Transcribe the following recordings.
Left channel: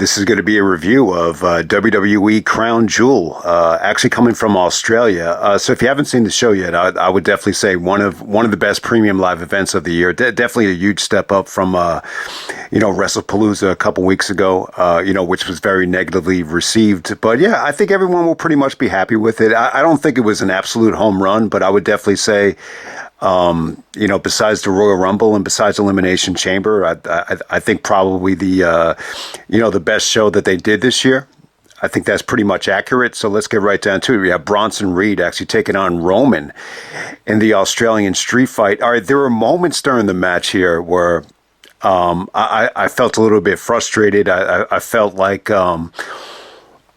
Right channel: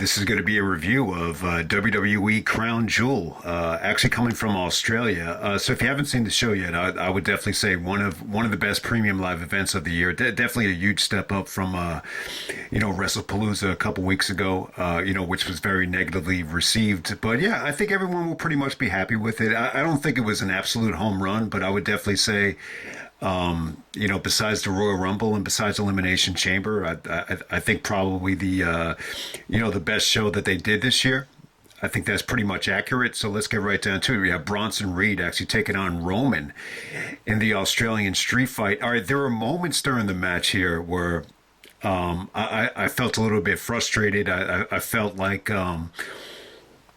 this is going to be a review of WWE Crown Jewel, actually coming from Australia. So if you haven't seen the show yet, I would definitely say one of the best premium live events of the year. Definitely a huge step up from WrestlePalooza a couple weeks ago, which was very negatively received. But yeah, I think everyone will pretty much be happy with it. I don't think it was an absolute home run, but I would definitely say, besides the Royal Rumble and besides Elimination Chamber, I think probably the best show that they did this year. I think that's pretty much accurate. So let's get right down to it. We have Bronson Reed actually taking on Roman in the Australian street fight. All right, there were moments during the match here where I felt a little bit frustrated. I felt like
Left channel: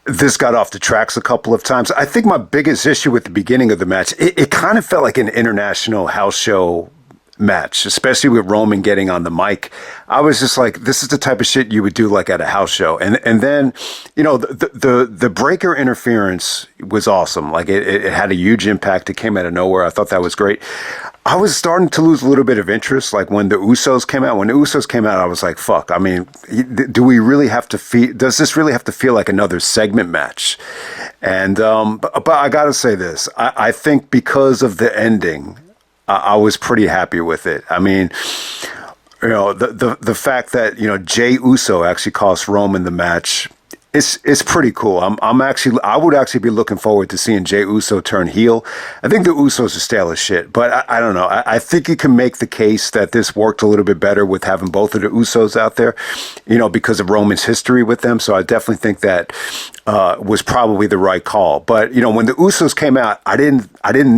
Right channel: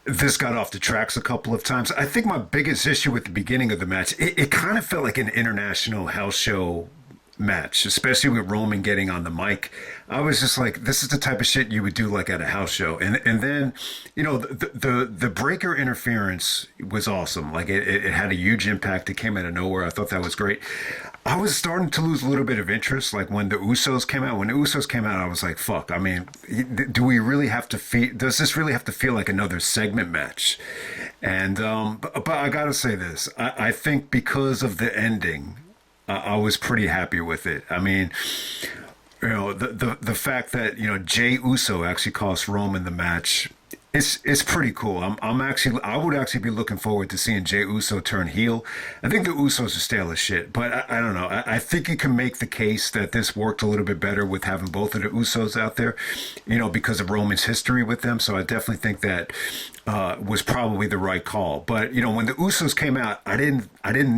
this got off the tracks a couple of times. I think my biggest issue with the beginning of the match, it kind of felt like an international house show match, especially with Roman getting on the mic. I was just like, this is the type of shit you would do like at a house show. And then, the breaker interference was awesome. Like it had a huge impact. It came out of nowhere. I thought that was great. I was starting to lose a little bit of interest, like when the Usos came out. When the Usos came out, I was like, fuck, I mean, does this really have to feel like another segment match? And, but I gotta say this, I think because of the ending, I was pretty happy with it. I mean, the fact that, Jey Uso actually cost Roman the match, it's pretty cool. I would actually be looking forward to seeing Jey Uso turn heel. I think the Usos are stale as shit, but I don't know. I think you can make the case that this worked a little bit better with having both of the Usos out there, because of Roman's history with them. So I definitely think that was probably the right call. But when the Usos came out, I didn't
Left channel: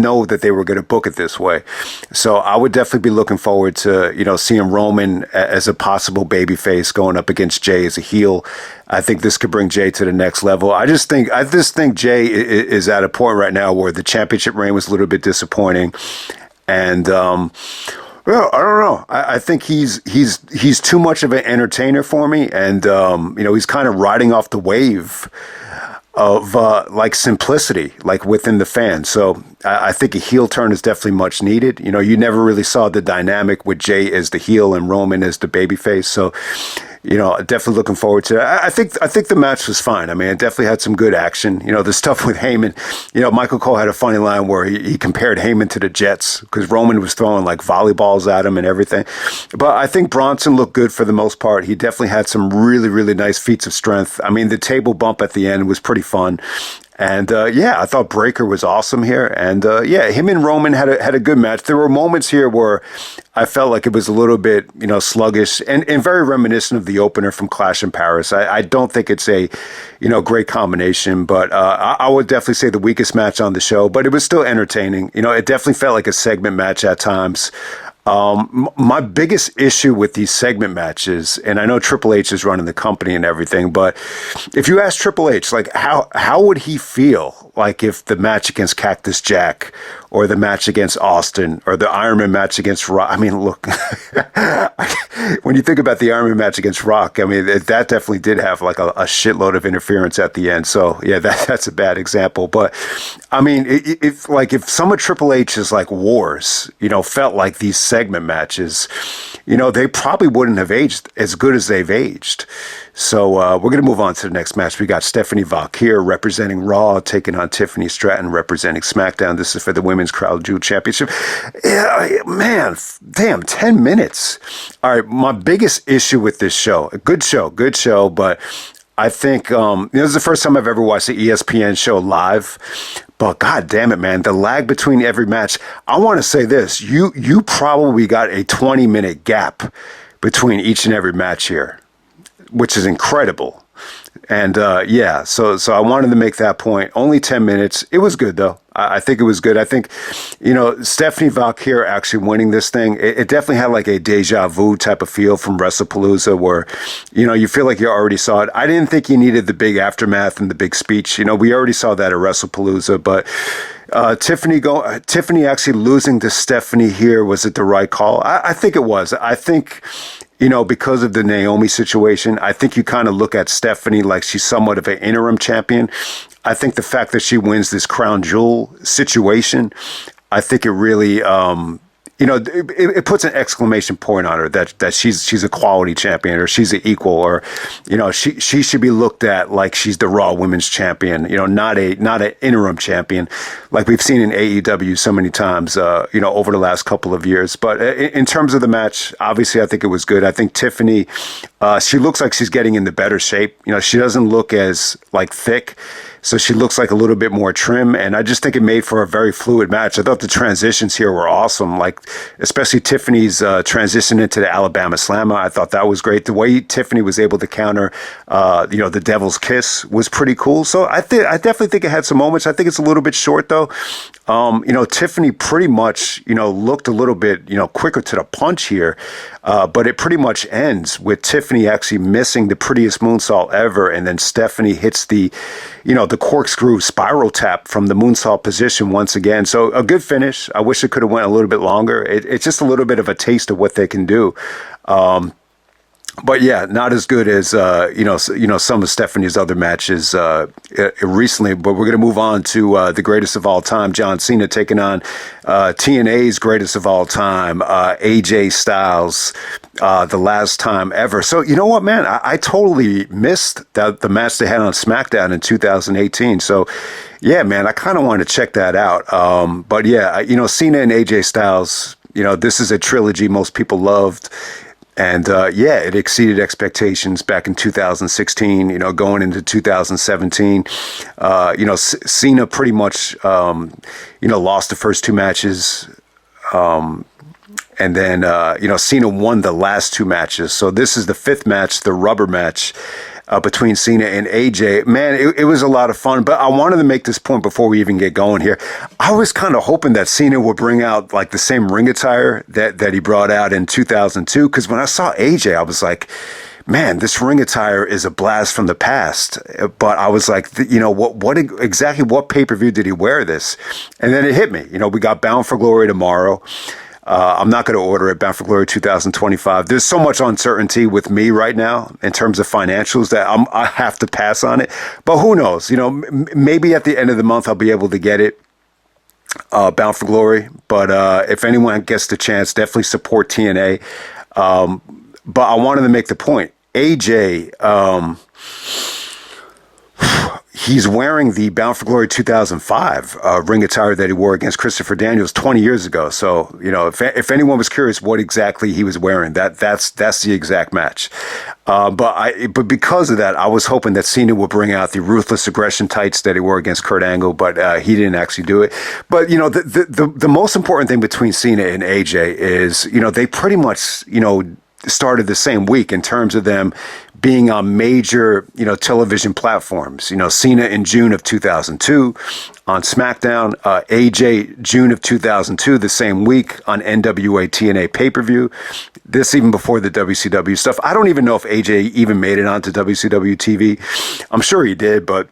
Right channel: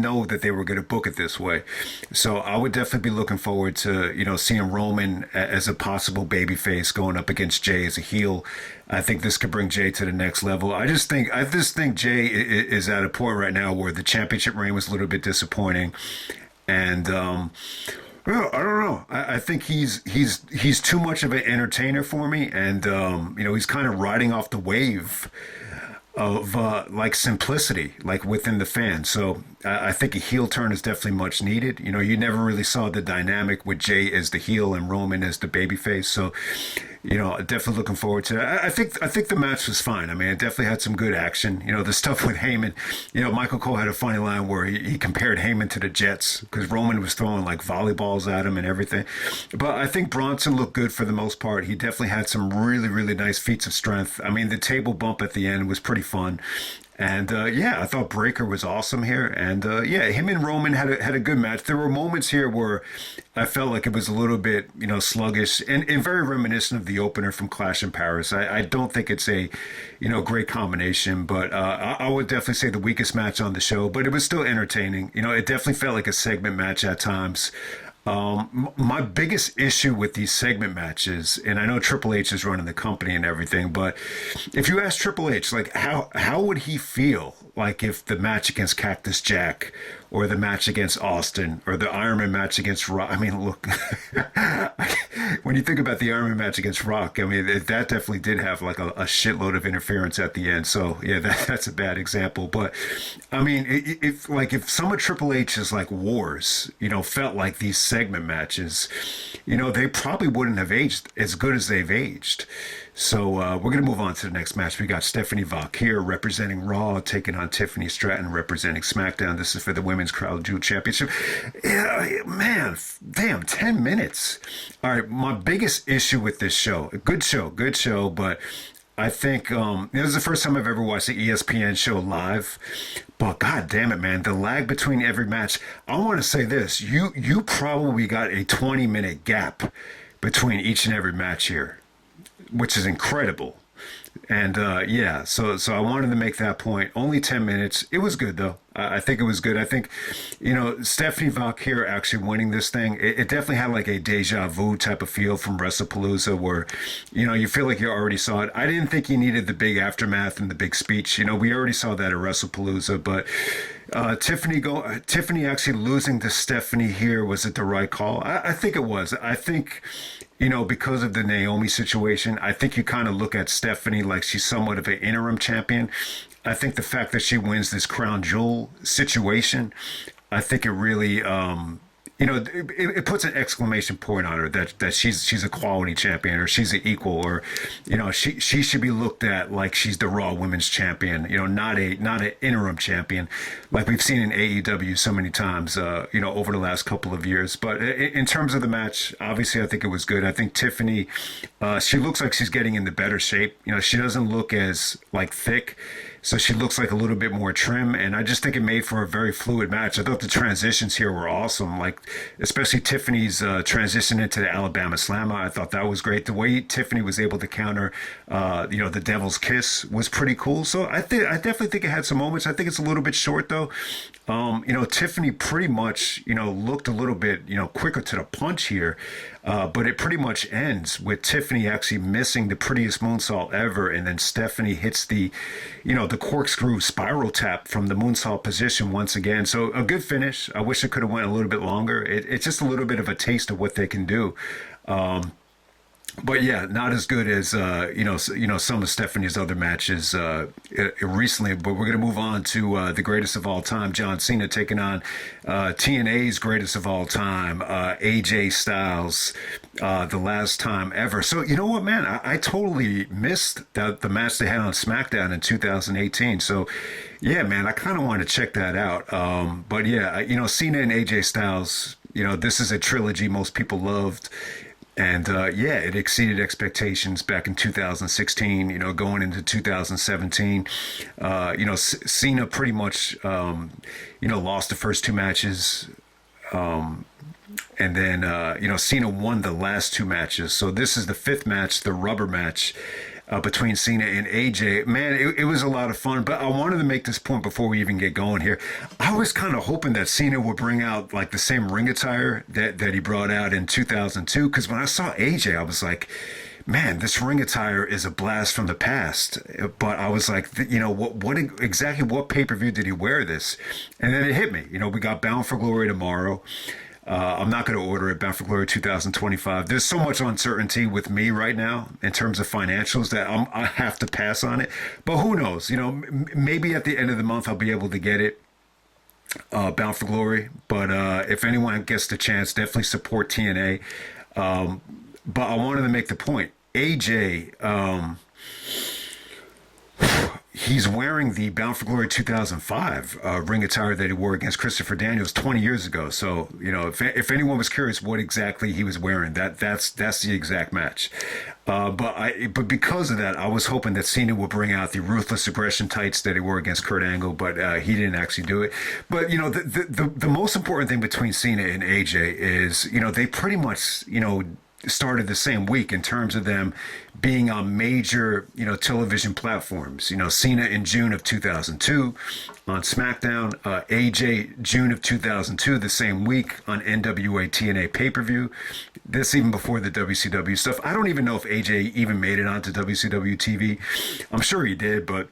know that they were going to book it this way. So I would definitely be looking forward to seeing Roman as a possible babyface going up against Jey as a heel. I think this could bring Jey to the next level. I just think Jey is at a point right now where the championship reign was a little bit disappointing, and well, I don't know. I think he's too much of an entertainer for me, and he's kind of riding off the wave of like simplicity, like within the fans. So I think a heel turn is definitely much needed. You never really saw the dynamic with Jey as the heel and Roman as the babyface. So definitely looking forward to it. I think the match was fine. I mean, it definitely had some good action. The stuff with Heyman, Michael Cole had a funny line where he compared Heyman to the Jets because Roman was throwing like volleyballs at him and everything. But I think Bronson looked good for the most part. He definitely had some really, really nice feats of strength. I mean, the table bump at the end was pretty fun. And I thought Breaker was awesome here. And him and Roman had a good match. There were moments here where I felt like it was a little bit, sluggish and very reminiscent of the opener from Clash in Paris. I don't think it's a, great combination, but I would definitely say the weakest match on the show. But it was still entertaining. It definitely felt like a segment match at times. My biggest issue with these segment matches, and I know Triple H is running the company and everything, but if you ask Triple H, like how would he feel like if the match against Cactus Jack or the match against Austin or the Iron Man match against Rock? I mean, look, when you think about the Iron Man match against Rock, I mean, that definitely did have like a shitload of interference at the end. So yeah, that's a bad example. But I mean, if some of Triple H's like wars, felt like these segment matches, they probably wouldn't have aged as good as they've aged. So we're going to move on to the next match. We got Stephanie Vaquer representing Raw, taking on Tiffany Stratton representing SmackDown. This is for the Women's Crown Jewel Championship. Yeah, man, damn, 10 minutes. All right, my biggest issue with this show, good show, but I think this is the first time I've ever watched the ESPN show live. But God damn it, man, the lag between every match. I want to say this, you probably got a 20-minute gap between each and every match here, which is incredible. And so I wanted to make that point. Only 10 minutes. It was good, though. I think it was good. I think, Stephanie Vaquer actually winning this thing, it definitely had like a deja vu type of feel from WrestlePalooza where, you feel like you already saw it. I didn't think you needed the big aftermath and the big speech. We already saw that at WrestlePalooza, but Tiffany actually losing to Stephanie here, was it the right call? I think it was. I think, because of the Naomi situation, I think you kind of look at Stephanie like she's somewhat of an interim champion. I think the fact that she wins this crown jewel situation, I think it really, it puts an exclamation point on her that she's a quality champion, or she's an equal, or, she should be looked at like she's the Raw Women's Champion, not an interim champion like we've seen in AEW so many times, over the last couple of years. But in terms of the match, obviously, I think it was good. I think Tiffany, she looks like she's getting into better shape. She doesn't look as like thick. So she looks like a little bit more trim, and I just think it made for a very fluid match. I thought the transitions here were awesome, like especially Tiffany's transition into the Alabama Slammer. I thought that was great. The way Tiffany was able to counter, the Devil's Kiss was pretty cool. So I definitely think it had some moments. I think it's a little bit short though. Tiffany pretty much, looked a little bit, quicker to the punch here. But it pretty much ends with Tiffany actually missing the prettiest moonsault ever. And then Stephanie hits the corkscrew spiral tap from the moonsault position once again. So a good finish. I wish it could have went a little bit longer. It's just a little bit of a taste of what they can do. But yeah, not as good as some of Stephanie's other matches recently. But we're going to move on to the greatest of all time, John Cena taking on TNA's greatest of all time, AJ Styles, the last time ever. So you know what, man, I totally missed the match they had on SmackDown in 2018. So yeah, man, I kind of wanted to check that out. But yeah, Cena and AJ Styles, this is a trilogy most people loved. And it exceeded expectations back in 2016, going into 2017. Cena pretty much, lost the first two matches. And then, Cena won the last two matches. So this is the fifth match, the rubber match between Cena and AJ. Man, it was a lot of fun. But I wanted to make this point before we even get going here. I was kind of hoping that Cena would bring out like the same ring attire that he brought out in 2002. Because when I saw AJ, I was like, man, this ring attire is a blast from the past. But I was like, what pay-per-view did he wear this? And then it hit me. We got Bound for Glory tomorrow. I'm not going to order it. Bound for Glory 2025. There's so much uncertainty with me right now in terms of financials that I have to pass on it. But who knows? Maybe at the end of the month I'll be able to get it. Bound for Glory. But if anyone gets the chance, definitely support TNA. But I wanted to make the point. AJ, he's wearing the Bound for Glory 2005 ring attire that he wore against Christopher Daniels 20 years ago. So, if anyone was curious what exactly he was wearing, that's the exact match. But because of that, I was hoping that Cena would bring out the Ruthless Aggression tights that he wore against Kurt Angle, but he didn't actually do it. But, the most important thing between Cena and AJ is, they pretty much, started the same week in terms of them being on major, television platforms. Cena in June of 2002 on SmackDown, AJ June of 2002, the same week on NWA TNA pay-per-view. This even before the WCW stuff. I don't even know if AJ even made it onto WCW TV. I'm sure he did, but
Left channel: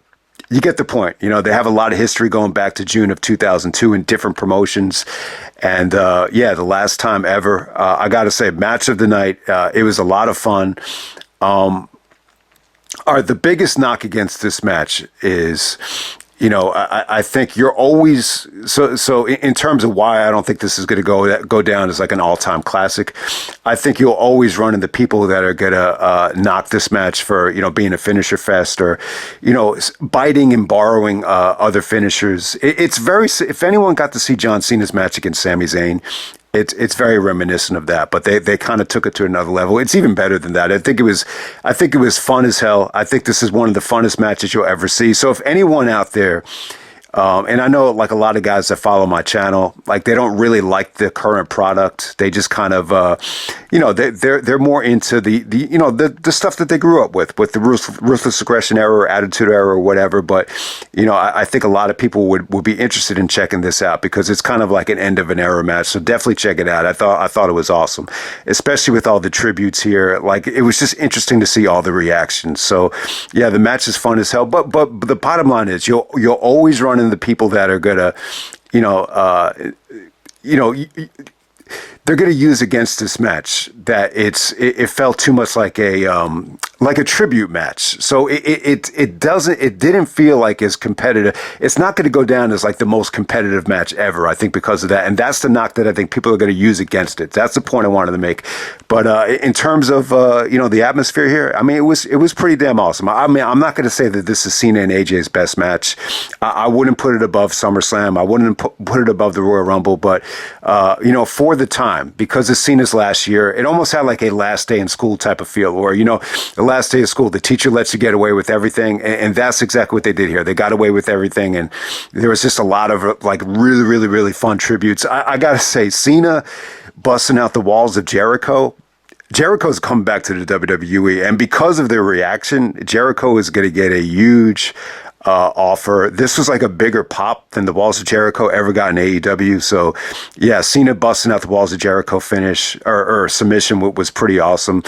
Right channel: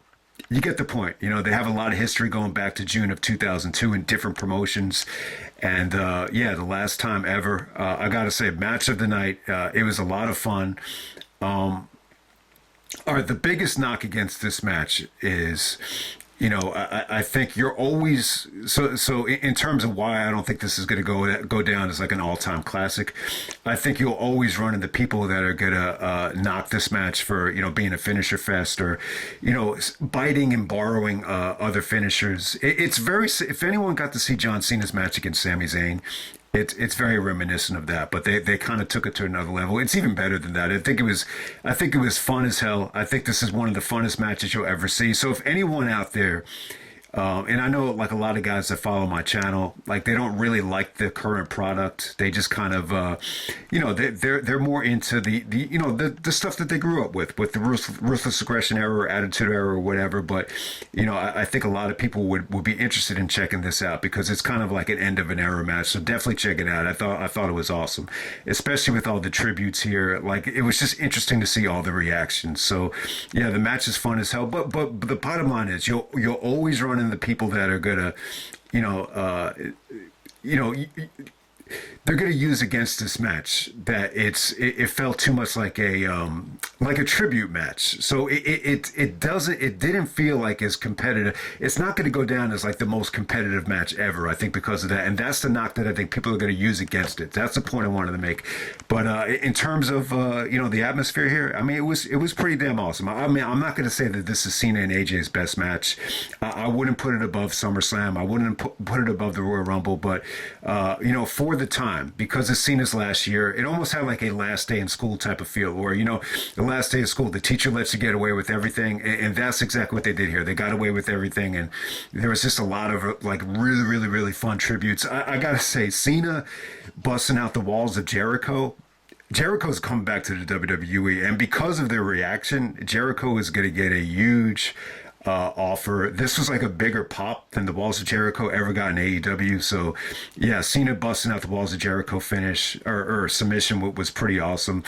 you get the point. They have a lot of history going back to June of 2002 in different promotions. And the last time ever, I got to say, match of the night. It was a lot of fun. The biggest knock against this match is, I think you're always so in terms of why I don't think this is going to go down as like an all-time classic. I think you'll always run into people that are going to knock this match for, being a finisher fest or, biting and borrowing other finishers. It's very, if anyone got to see John Cena's match against Sami Zayn, it's very reminiscent of that, but they kind of took it to another level. It's even better than that. I think it was fun as hell. I think this is one of the funnest matches you'll ever see. So if anyone out there, and I know like a lot of guys that follow my channel, like they don't really like the current product. They just kind of, they're more into the stuff that they grew up with the ruthless aggression era or attitude era or whatever. But, I think a lot of people would be interested in checking this out because it's kind of like an end of an era match. So definitely check it out. I thought it was awesome, especially with all the tributes here. Like it was just interesting to see all the reactions. So yeah, the match is fun as hell. But the bottom line is you'll always run into people that are gonna, they're going to use against this match that it felt too much like a like a tribute match. So it didn't feel like as competitive. It's not going to go down as like the most competitive match ever, I think, because of that. And that's the knock that I think people are going to use against it. That's the point I wanted to make. But in terms of the atmosphere here, I mean, it was pretty damn awesome. I mean, I'm not going to say that this is Cena and AJ's best match. I wouldn't put it above SummerSlam. I wouldn't put it above the Royal Rumble. But for the time, because it's Cena's last year, it almost had like a last day in school type of feel, where the last day of school, the teacher lets you get away with everything, and that's exactly what they did here. They got away with everything, and there was just a lot of like really, really, really fun tributes. I gotta say, Cena busting out the walls of Jericho. Jericho's coming back to the WWE, and because of their reaction, Jericho is going to get a huge offer. This was like a bigger pop than the Walls of Jericho ever got in AEW. So, yeah, Cena busting out the Walls of Jericho finish or submission was pretty awesome.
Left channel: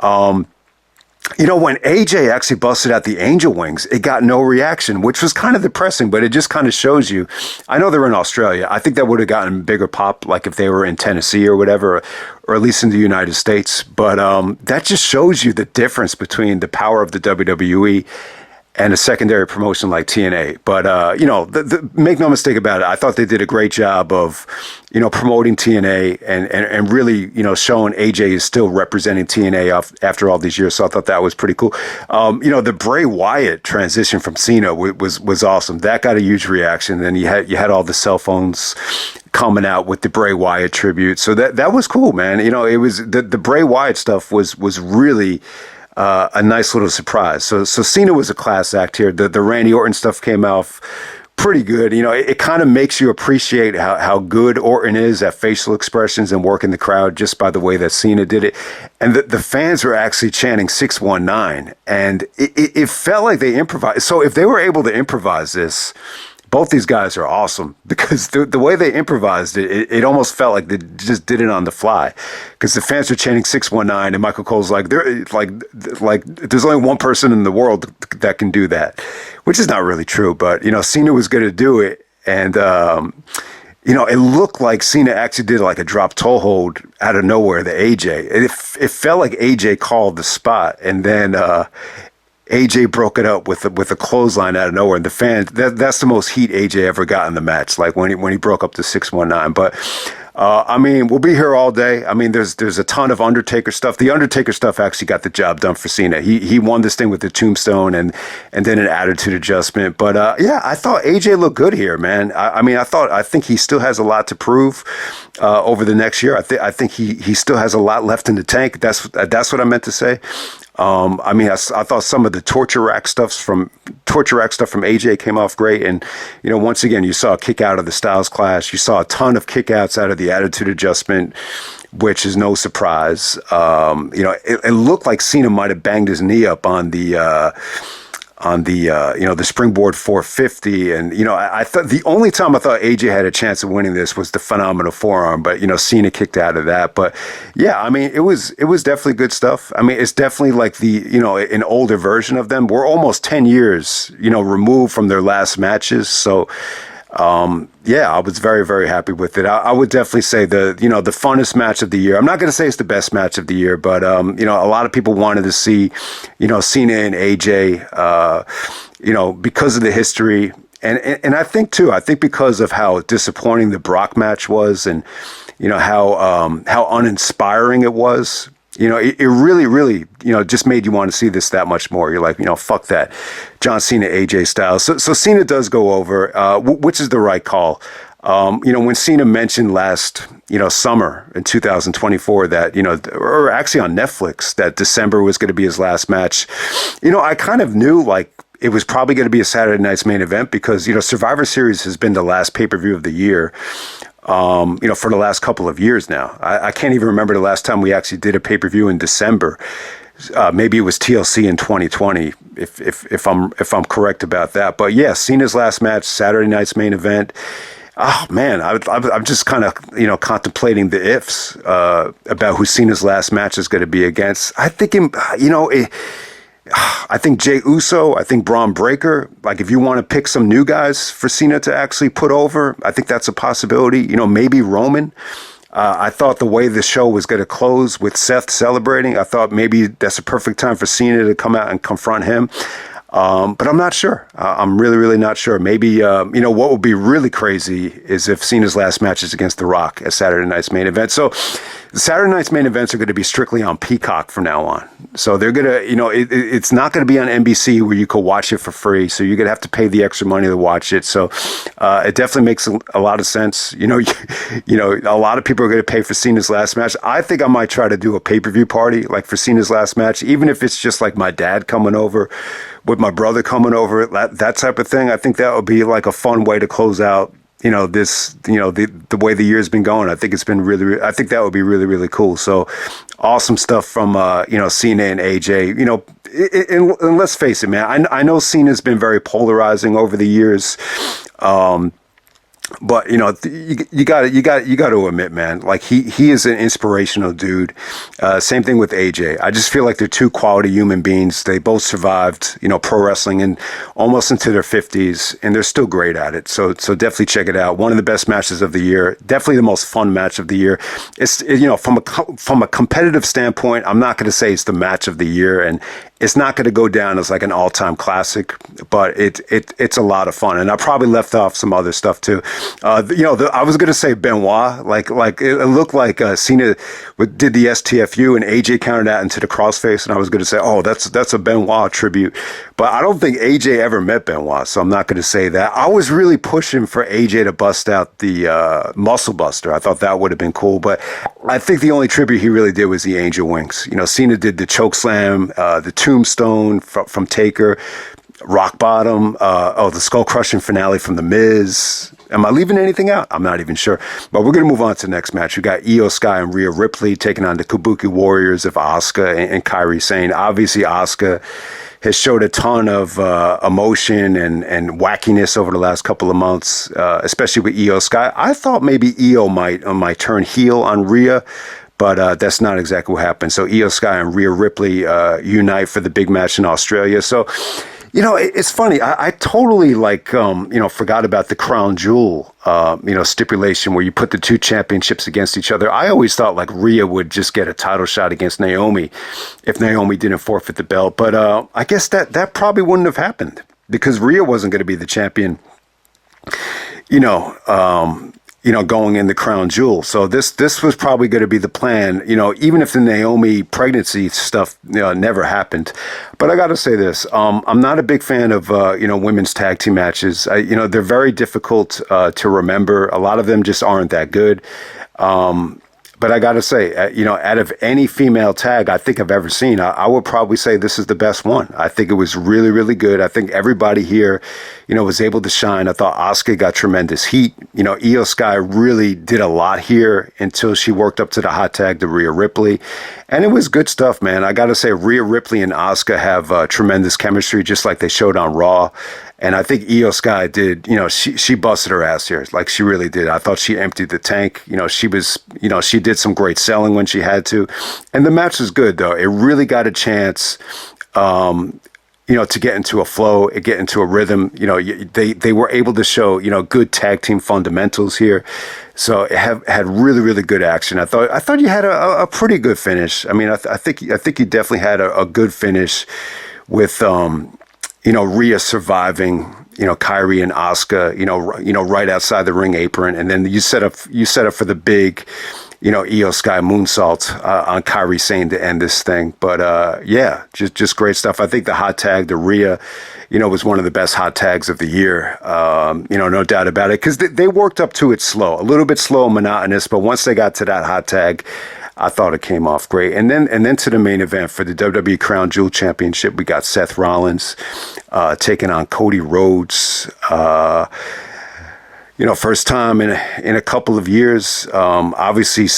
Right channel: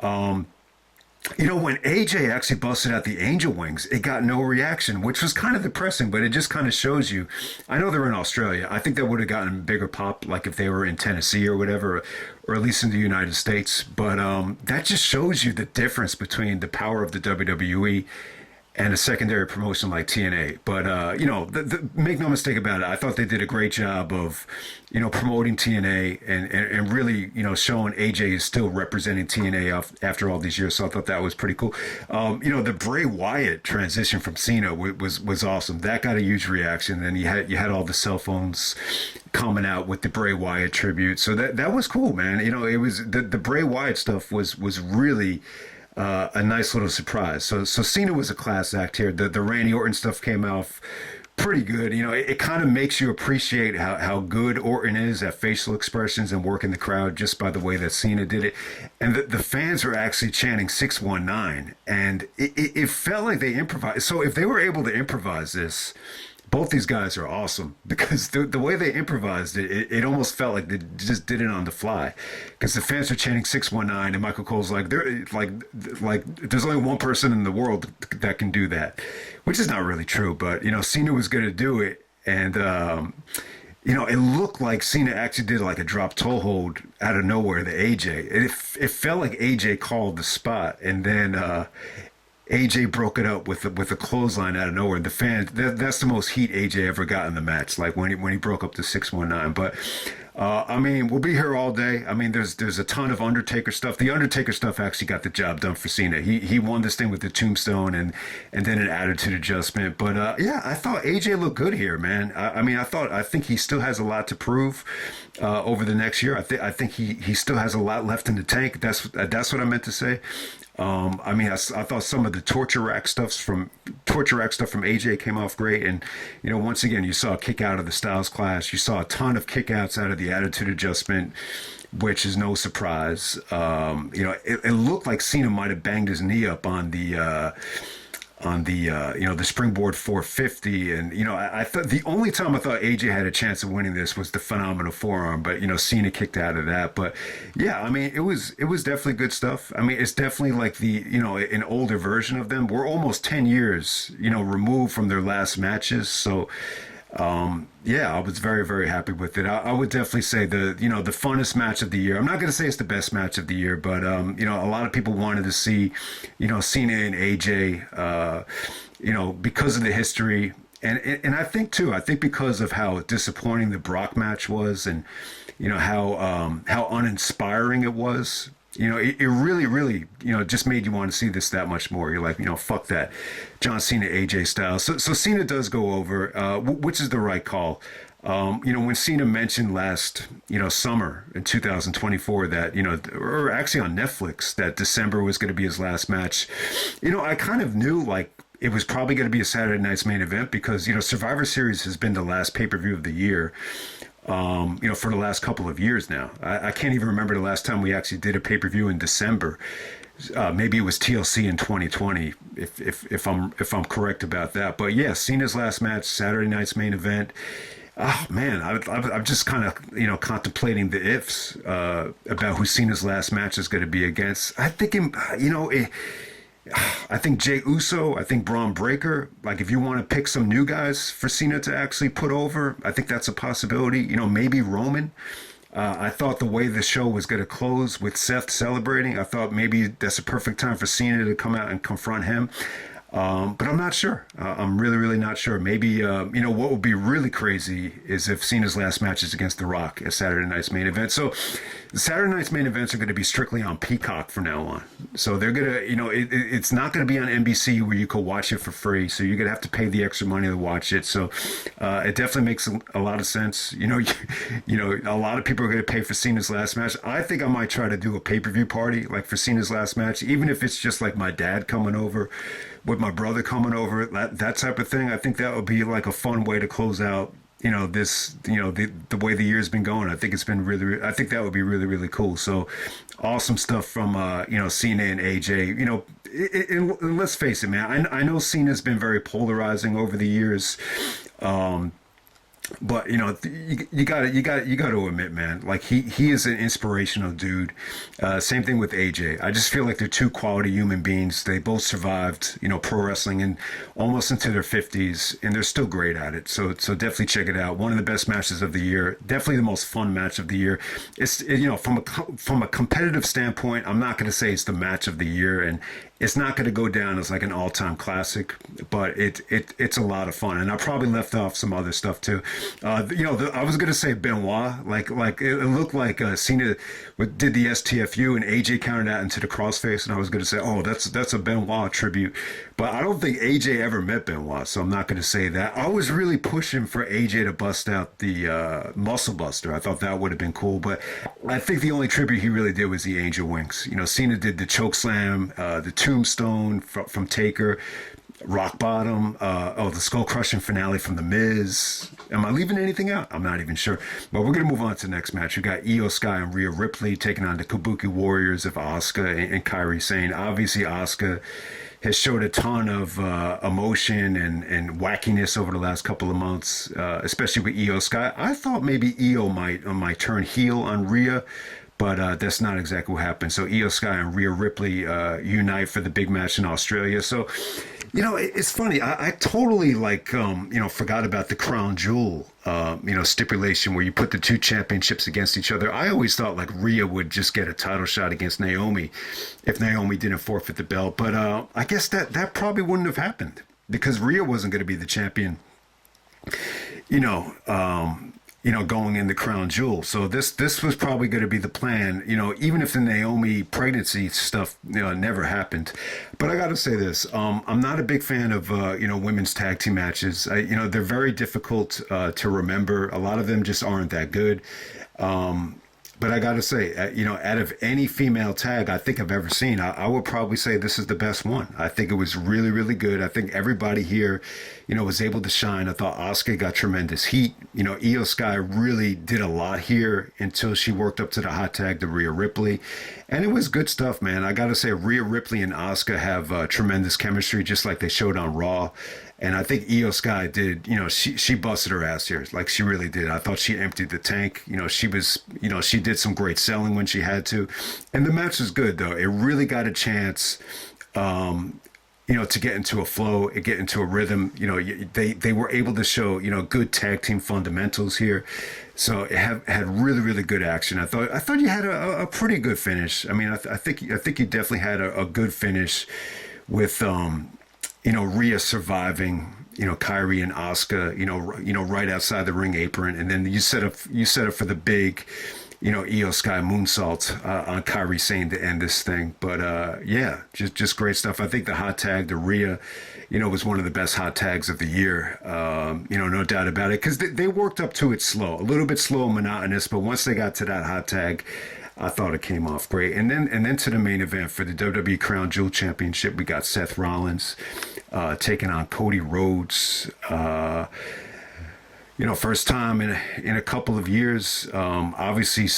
When AJ actually busted out the Angel Wings, it got no reaction, which was kind of depressing, but it just kind of shows you. I know they're in Australia. I think that would have gotten bigger pop, like if they were in Tennessee or whatever, or at least in the United States. But that just shows you the difference between the power of the WWE and a secondary promotion like TNA. But, make no mistake about it, I thought they did a great job of, promoting TNA and really, showing AJ is still representing TNA after all these years. So I thought that was pretty cool. The Bray Wyatt transition from Cena was awesome. That got a huge reaction. Then you had all the cell phones coming out with the Bray Wyatt tribute. So that was cool, man. It was the Bray Wyatt stuff was really a nice little surprise. So Cena was a class act here. The Randy Orton stuff came off pretty good. It kind of makes you appreciate how good Orton is at facial expressions and working the crowd just by the way that Cena did it. And the fans were actually chanting 619, and it felt like they improvised. So if they were able to improvise this, both these guys are awesome, because the way they improvised it almost felt like they just did it on the fly, because the fans were chanting 619, and Michael Cole's like, there's only one person in the world that can do that, which is not really true. But, Cena was going to do it. And, it looked like Cena actually did like a drop toe hold out of nowhere to AJ. It felt like AJ called the spot, and then, AJ broke it up with a clothesline out of nowhere, and the fans, that's the most heat AJ ever got in the match, like when he broke up the 619. But we'll be here all day. I mean, there's a ton of Undertaker stuff. The Undertaker stuff actually got the job done for Cena. He won this thing with the tombstone and then an attitude adjustment. But I thought AJ looked good here, man. I think he still has a lot to prove over the next year. I think he still has a lot left in the tank. That's what I meant to say. I thought some of the torture rack stuff from AJ came off great. And, once again, you saw a kick out of the Styles Clash. You saw a ton of kick outs out of the attitude adjustment, which is no surprise. It looked like Cena might have banged his knee up on the springboard 450. And, I thought the only time I thought AJ had a chance of winning this was the phenomenal forearm, but, Cena kicked out of that. But yeah, it was definitely good stuff. It's definitely like an older version of them. We're almost 10 years, removed from their last matches. So, I was very, very happy with it. I would definitely say the funnest match of the year. I'm not going to say it's the best match of the year, but, a lot of people wanted to see, Cena and AJ, because of the history. And I think because of how disappointing the Brock match was, and, how uninspiring it was. It really, really, just made you want to see this that much more. You're like, fuck that. John Cena, AJ Styles. So Cena does go over, which is the right call. When Cena mentioned last, summer in 2024 that, or actually on Netflix, that December was going to be his last match, I kind of knew like it was probably going to be a Saturday night's main event, because, Survivor Series has been the last pay-per-view of the year. For the last couple of years now. I can't even remember the last time we actually did a pay-per-view in December. Maybe it was TLC in 2020, if I'm correct about that. But yeah, Cena's last match, Saturday night's main event. Oh man, I'm just kind of contemplating the ifs about who Cena's last match is going to be against. I think I think Jey Uso, I think Braun Breaker. Like, if you want to pick some new guys for Cena to actually put over, I think that's a possibility. Maybe Roman. I thought the way the show was going to close with Seth celebrating, I thought maybe that's a perfect time for Cena to come out and confront him. But I'm not sure. I'm really, really not sure. Maybe, what would be really crazy is if Cena's last match is against The Rock at Saturday night's main event. So Saturday night's main events are going to be strictly on Peacock from now on. So they're going to, it's not going to be on NBC where you could watch it for free. So you're going to have to pay the extra money to watch it. So it definitely makes a lot of sense. A lot of people are going to pay for Cena's last match. I think I might try to do a pay-per-view party like for Cena's last match, even if it's just like my dad coming over with my brother coming over, that type of thing. I think that would be like a fun way to close out, the way the year's been going. I think it's been I think that would be really, really cool. So awesome stuff from, Cena and AJ, and let's face it, man, I know Cena's been very polarizing over the years. But you got to admit, man, like he is an inspirational dude. Same thing with AJ. I just feel like they're two quality human beings. They both survived, pro wrestling and almost into their 50s, and they're still great at it. So definitely check it out. One of the best matches of the year. Definitely the most fun match of the year. It's from a competitive standpoint, I'm not going to say it's the match of the year, and it's not going to go down as like an all-time classic, but it's a lot of fun. And I probably left off some other stuff too. I was going to say Benoit, like it looked like Cena did the STFU and AJ countered that into the crossface, and I was going to say, oh, that's a Benoit tribute. But I don't think AJ ever met Benoit, so I'm not going to say that. I was really pushing for AJ to bust out the Muscle Buster. I thought that would have been cool, but I think the only tribute he really did was the Angel Wings. Cena did the choke slam, the Tombstone from Taker, Rock Bottom, the Skull Crushing finale from The Miz. Am I leaving anything out? I'm not even sure. But we're going to move on to the next match. We got Io Sky and Rhea Ripley taking on the Kabuki Warriors of Asuka and Kairi Sane. Obviously, Asuka has showed a ton of emotion and wackiness over the last couple of months, especially with Io Sky. I thought maybe Io might turn heel on Rhea, but that's not exactly what happened. So Io Sky and Rhea Ripley unite for the big match in Australia. So, it's funny. I totally forgot about the crown jewel, stipulation where you put the two championships against each other. I always thought like Rhea would just get a title shot against Naomi if Naomi didn't forfeit the belt. But I guess that probably wouldn't have happened because Rhea wasn't going to be the champion, going in the crown jewel. So this was probably going to be the plan, even if the Naomi pregnancy stuff, never happened. But I got to say this, I'm not a big fan of, women's tag team matches. They're very difficult to remember. A lot of them just aren't that good. But I got to say, out of any female tag I think I've ever seen, I would probably say this is the best one. I think it was really, really good. I think everybody here, was able to shine. I thought Asuka got tremendous heat. Io Sky really did a lot here until she worked up to the hot tag to Rhea Ripley. And it was good stuff, man. I got to say, Rhea Ripley and Asuka have tremendous chemistry, just like they showed on Raw. And I think Io Sky did, she busted her ass here. Like she really did. I thought she emptied the tank. She did some great selling when she had to. And the match was good, though. It really got a chance, to get into a flow, get into a rhythm. They were able to show, good tag team fundamentals here. So it had really, really good action. I thought you had a pretty good finish. I mean, I think you definitely had a good finish with, Rhea surviving, Kairi and Asuka, right outside the ring apron. And then you set up for the big, Io Sky moonsault on Kairi Sane to end this thing. But just great stuff. I think the hot tag to Rhea, was one of the best hot tags of the year. No doubt about it. Because they worked up to it slow, a little bit slow and monotonous. But once they got to that hot tag, I thought it came off great. And then to the main event for the WWE Crown Jewel Championship, we got Seth Rollins taking on Cody Rhodes. First time in a couple of years. Obviously,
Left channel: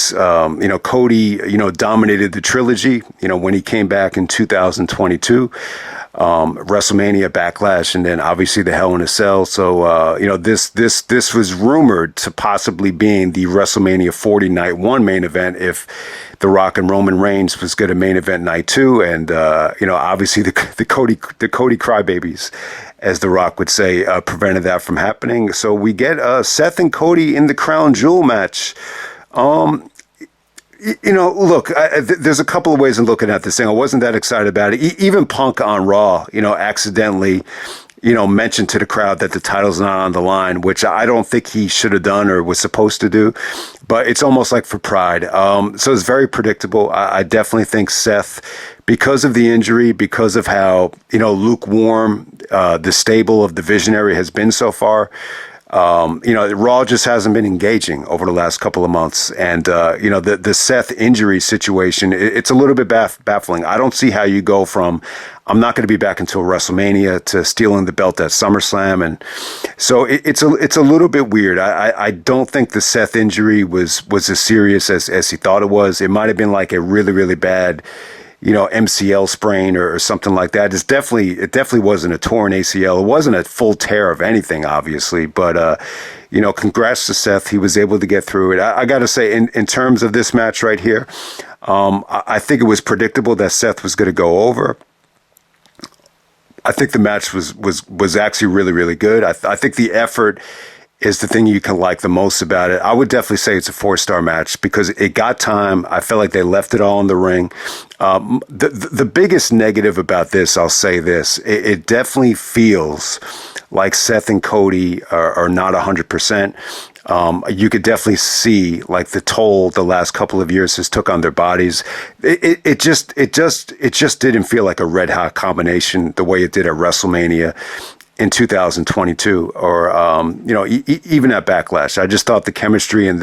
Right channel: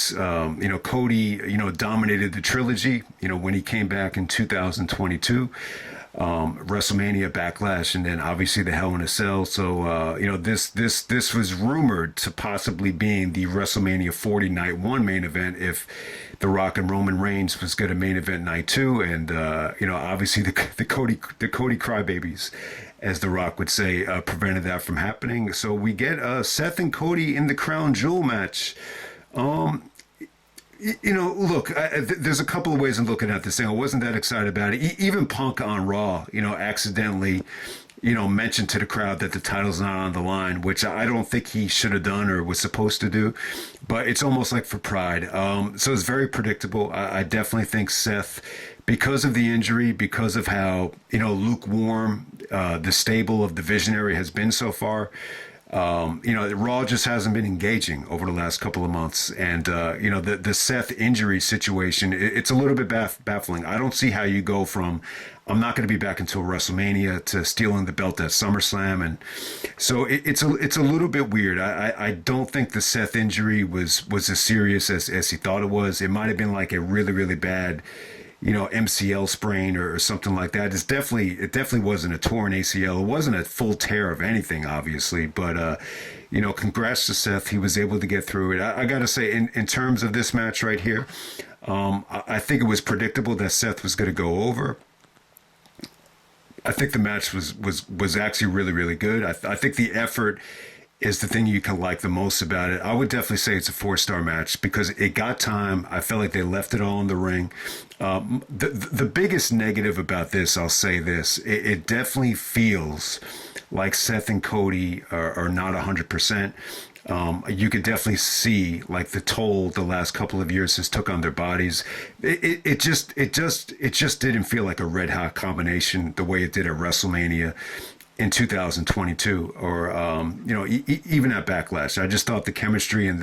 Cody, dominated the trilogy, when he came back in 2022. WrestleMania Backlash, and then obviously the Hell in a Cell. So, this was rumored to possibly being the WrestleMania 40 night one main event if The Rock and Roman Reigns was good at main event night two. And, obviously the Cody crybabies, as The Rock would say, prevented that from happening. So we get Seth and Cody in the Crown Jewel match. Look, there's a couple of ways in looking at this thing. I wasn't that excited about it. Even Punk on Raw, accidentally, mentioned to the crowd that the title's not on the line, which I don't think he should have done or was supposed to do. But it's almost like for pride. So it's very predictable. I definitely think Seth, because of the injury, because of how, lukewarm the stable of the Visionary has been so far, Raw just hasn't been engaging over the last couple of months. And, the Seth injury situation, it's a little bit baffling. I don't see how you go from, I'm not going to be back until WrestleMania, to stealing the belt at SummerSlam. And so it's a little bit weird. I don't think the Seth injury was as serious as he thought it was. It might have been like a really, really bad, MCL sprain or something like that. It definitely wasn't a torn ACL. It wasn't a full tear of anything, obviously, but, congrats to Seth. He was able to get through it. I got to say, in terms of this match right here, I think it was predictable that Seth was going to go over. I think the match was actually really, really good. I think the effort is the thing you can like the most about it. I would definitely say it's a 4-star match because it got time. I felt like they left it all in the ring. The biggest negative about this, I'll say this, it definitely feels like Seth and Cody are not 100%. You could definitely see like the toll the last couple of years has took on their bodies. It just didn't feel like a red hot combination the way it did at WrestleMania in 2022, or even at Backlash. I just thought the chemistry and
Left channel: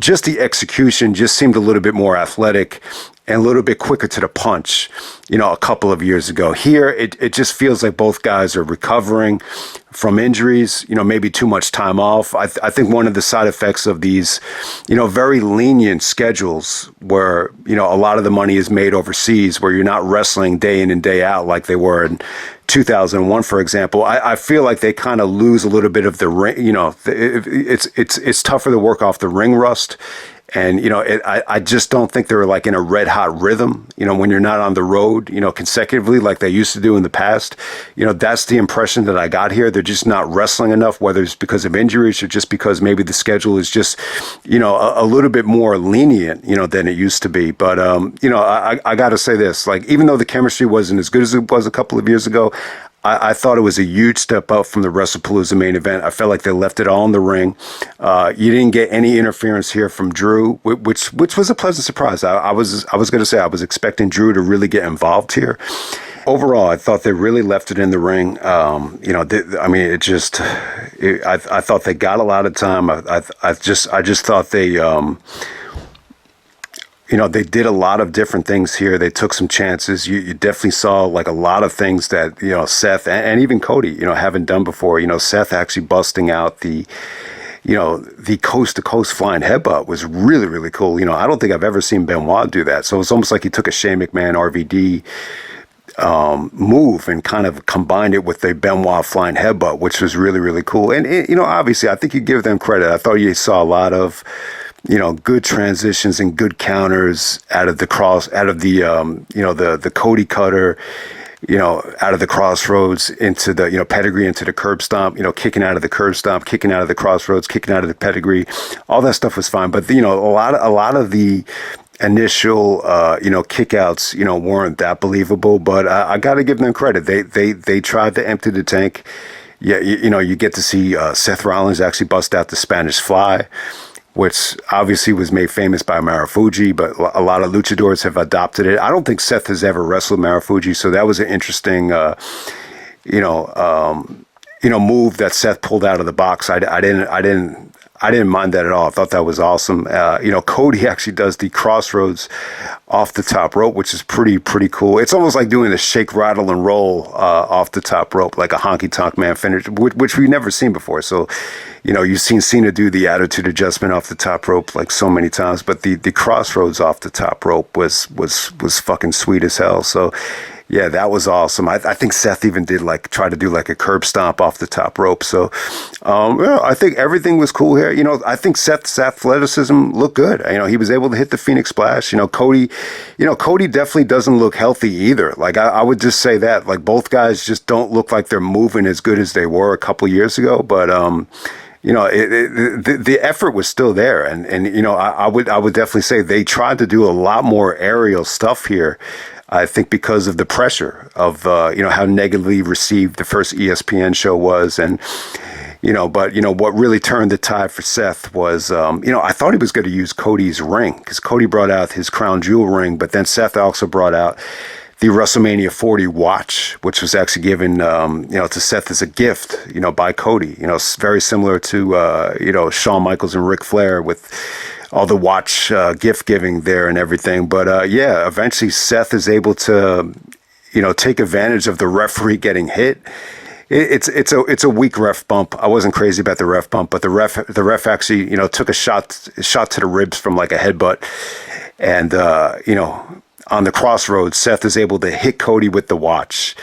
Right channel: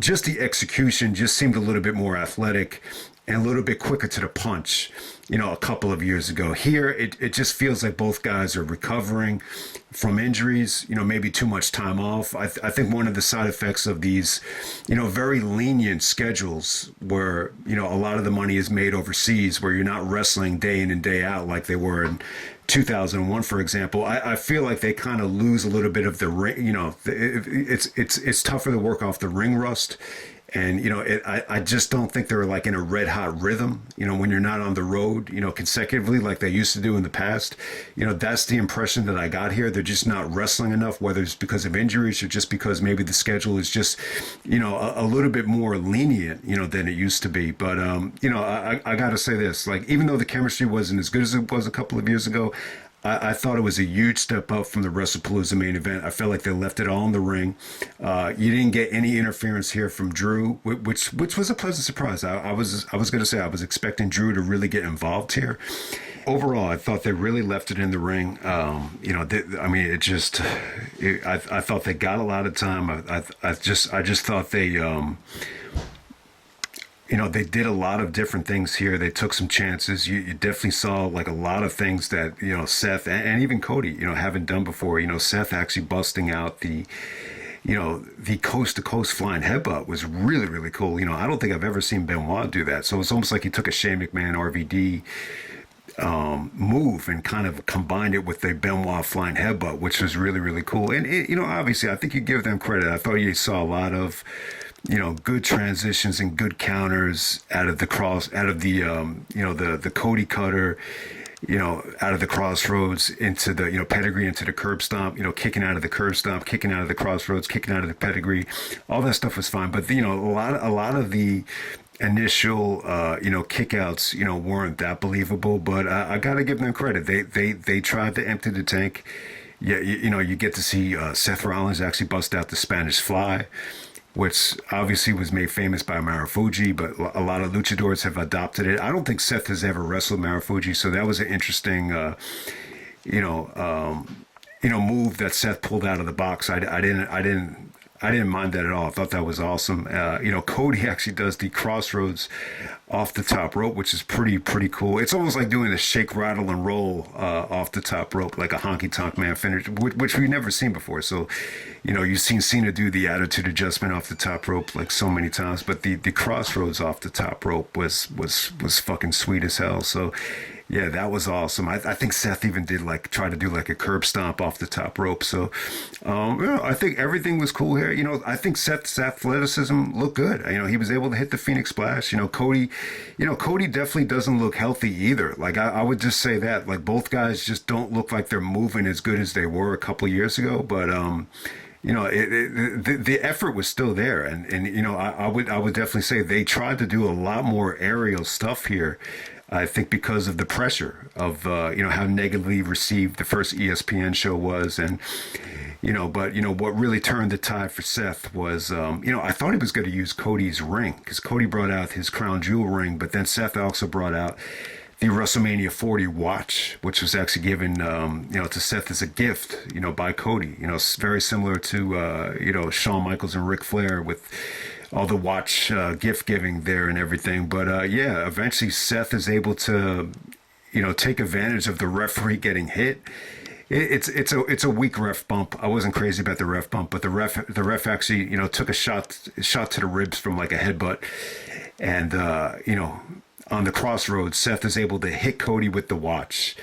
just the execution just seemed a little bit more athletic and a little bit quicker to the punch, a couple of years ago. Here, it just feels like both guys are recovering from injuries, maybe too much time off. I think one of the side effects of these, very lenient schedules where, a lot of the money is made overseas, where you're not wrestling day in and day out like they were in 2001, for example. I feel like they kind of lose a little bit of the ring, it's tougher to work off the ring rust. And, I just don't think they're like in a red hot rhythm, when you're not on the road, consecutively like they used to do in the past. That's the impression that I got here. They're just not wrestling enough, whether it's because of injuries or just because maybe the schedule is just, a little bit more lenient, than it used to be. But, I got to say this, like, even though the chemistry wasn't as good as it was a couple of years ago, I thought it was a huge step up from the WrestlePalooza main event. I felt like they left it all in the ring. You didn't get any interference here from Drew, which was a pleasant surprise. I was going to say I was expecting Drew to really get involved here. Overall, I thought they really left it in the ring. I thought they got a lot of time. I just thought they. They did a lot of different things here. They took some chances. You definitely saw like a lot of things that, Seth and even Cody, haven't done before. Seth actually busting out the coast to coast flying headbutt was really, really cool. I don't think I've ever seen Benoit do that. So it's almost like he took a Shane McMahon RVD move and kind of combined it with the Benoit flying headbutt, which was really, really cool. And, obviously I think you give them credit. I thought you saw a lot of, good transitions and good counters out of the the Cody cutter, out of the crossroads into the, pedigree into the curb stomp, kicking out of the curb stomp, kicking out of the crossroads, kicking out of the pedigree. All that stuff was fine. But, a lot of the initial, kickouts, weren't that believable. But I got to give them credit. They tried to empty the tank. Yeah, you get to see Seth Rollins actually bust out the Spanish Fly, which obviously was made famous by Marufuji, but a lot of luchadors have adopted it. I don't think Seth has ever wrestled Marufuji, so that was an interesting, move that Seth pulled out of the box. I didn't mind that at all. I thought that was awesome. Cody actually does the crossroads off the top rope, which is pretty cool. It's almost like doing a shake, rattle, and roll off the top rope, like a honky tonk man finish, which we've never seen before. So, you've seen Cena do the attitude adjustment off the top rope like so many times, but the crossroads off the top rope was fucking sweet as hell. So, Yeah, that was awesome. I think Seth even did like try to do like a curb stomp off the top rope. So, yeah, I think everything was cool here. I think Seth's athleticism looked good. He was able to hit the Phoenix Splash. Cody definitely doesn't look healthy either. Like I would just say that like both guys just don't look like they're moving as good as they were a couple years ago. But the effort was still there, and I would definitely say they tried to do a lot more aerial stuff here. I think because of the pressure of how negatively received the first ESPN show was, and what really turned the tide for Seth was I thought he was going to use Cody's ring because Cody brought out his crown jewel ring, but then Seth also brought out the WrestleMania 40 watch, which was actually given, to Seth as a gift, by Cody. Very similar to, Shawn Michaels and Ric Flair with all the watch gift giving there and everything. But yeah, eventually Seth is able to, take advantage of the referee getting hit. It's a weak ref bump. I wasn't crazy about the ref bump, but the ref actually, took a shot to the ribs from like a headbutt, and on the crossroads, Seth is able to hit Cody with the watch.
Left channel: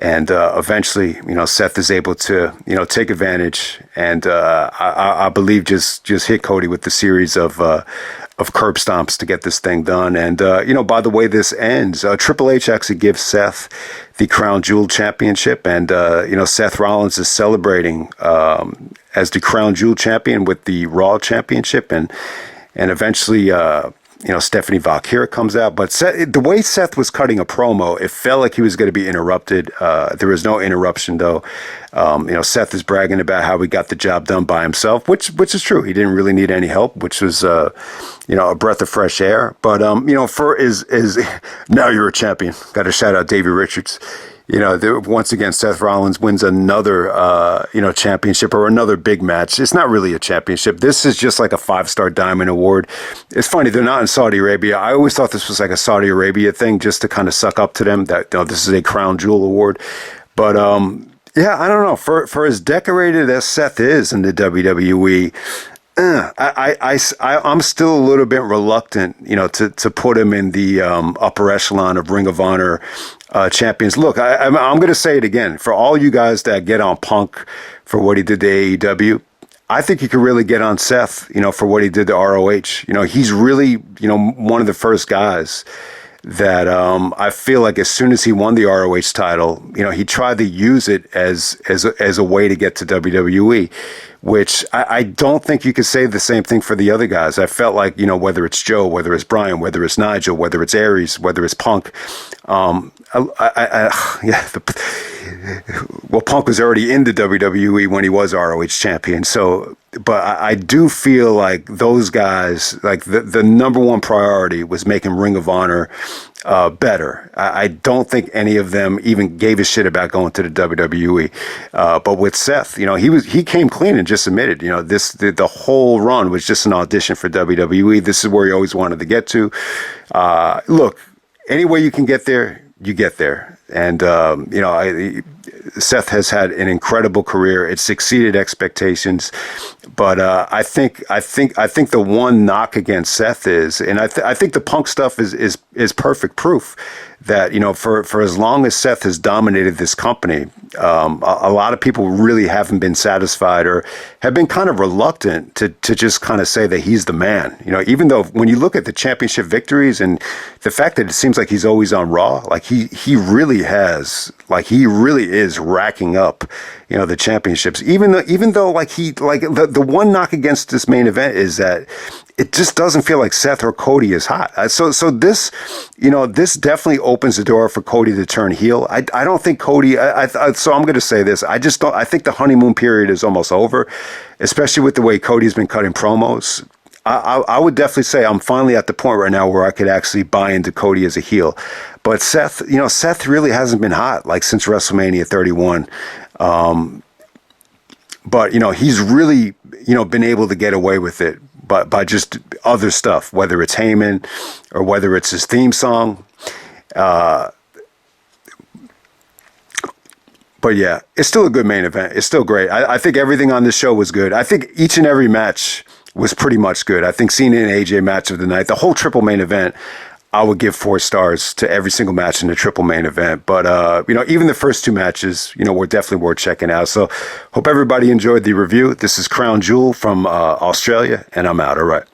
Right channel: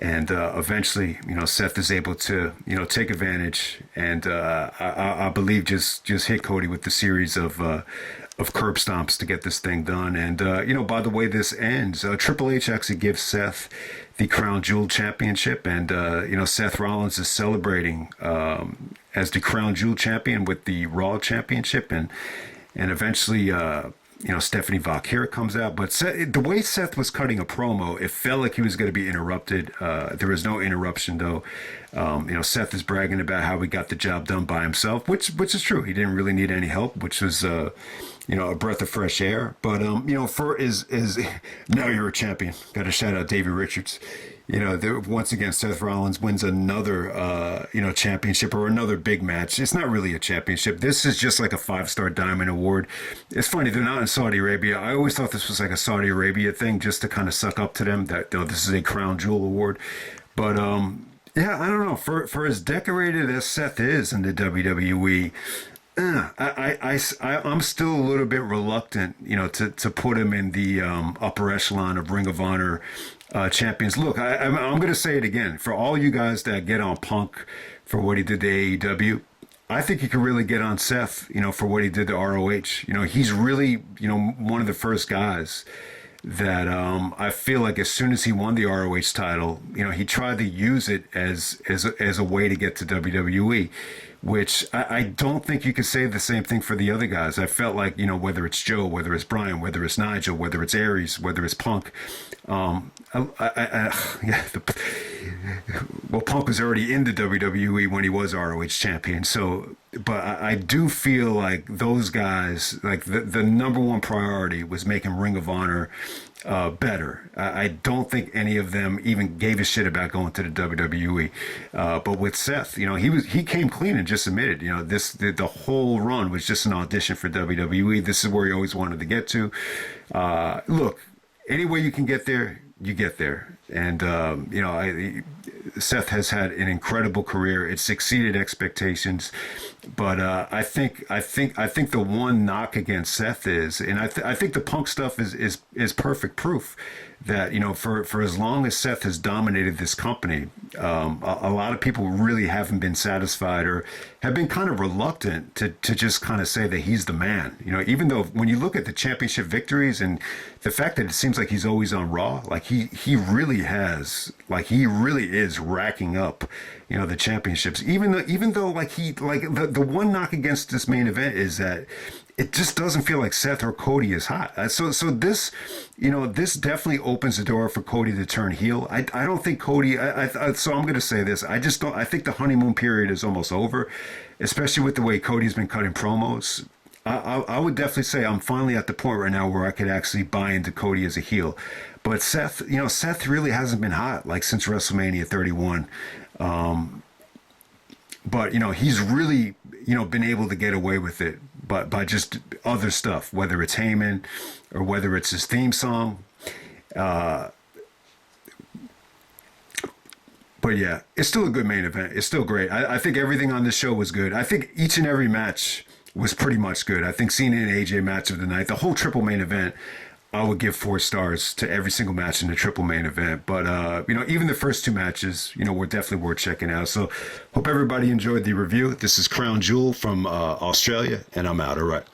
And eventually, Seth is able to, take advantage and I believe just hit Cody with the series of curb stomps to get this thing done. And, by the way this ends, Triple H actually gives Seth the Crown Jewel Championship. And, Seth Rollins is celebrating as the Crown Jewel Champion with the Raw Championship. And eventually, Stephanie Vaquer comes out. But the way Seth was cutting a promo, it felt like he was going to be interrupted. There was no interruption, though. Seth is bragging about how he got the job done by himself, which is true. He didn't really need any help, which was, a breath of fresh air. But, for is now you're a champion. Got to shout out Davey Richards. Once again, Seth Rollins wins another, championship or another big match. It's not really a championship. This is just like a 5-star diamond award. It's funny. They're not in Saudi Arabia. I always thought this was like a Saudi Arabia thing just to kind of suck up to them that, this is a crown jewel award. But, yeah, I don't know. For as decorated as Seth is in the WWE, I'm still a little bit reluctant, to put him in the upper echelon of Ring of Honor champions. Look, I'm going to say it again. For all you guys that get on Punk for what he did to AEW, I think you could really get on Seth, for what he did to ROH. He's really, one of the first guys that I feel like as soon as he won the ROH title, he tried to use it as a way to get to WWE, which I don't think you could say the same thing for the other guys. I felt like, whether it's Joe, whether it's Brian, whether it's Nigel, whether it's Aries, whether it's Punk, Punk was already in the WWE when he was ROH champion. So, but I do feel like those guys, like the number one priority was making Ring of Honor better. I don't think any of them even gave a shit about going to the WWE. But with Seth, he came clean and just admitted, the whole run was just an audition for WWE. This is where he always wanted to get to. Look, any way you can get there, you get there. And, Seth has had an incredible career. It's exceeded expectations, but I think the one knock against Seth is, and I think the Punk stuff is perfect proof that for as long as Seth has dominated this company, a lot of people really haven't been satisfied or have been kind of reluctant to just kind of say that he's the man. Even though when you look at the championship victories and the fact that it seems like he's always on Raw, like he really is racking up, the championships. Even though the one knock against this main event is that it just doesn't feel like Seth or Cody is hot. So this, this definitely opens the door for Cody to turn heel. I don't think Cody, so I'm going to say this. I think the honeymoon period is almost over, especially with the way Cody's been cutting promos. I would definitely say I'm finally at the point right now where I could actually buy into Cody as a heel. But Seth, Seth really hasn't been hot like since WrestleMania 31. But, he's really, been able to get away with it by just other stuff, whether it's Heyman or whether it's his theme song. But yeah, it's still a good main event. It's still great. I think everything on this show was good. I think each and every match was pretty much good. I think Cena and AJ match of the night, the whole triple main event, I would give 4 stars to every single match in the triple main event. But, even the first 2 matches, were definitely worth checking out. So hope everybody enjoyed the review. This is Crown Jewel from Australia, and I'm out. All right.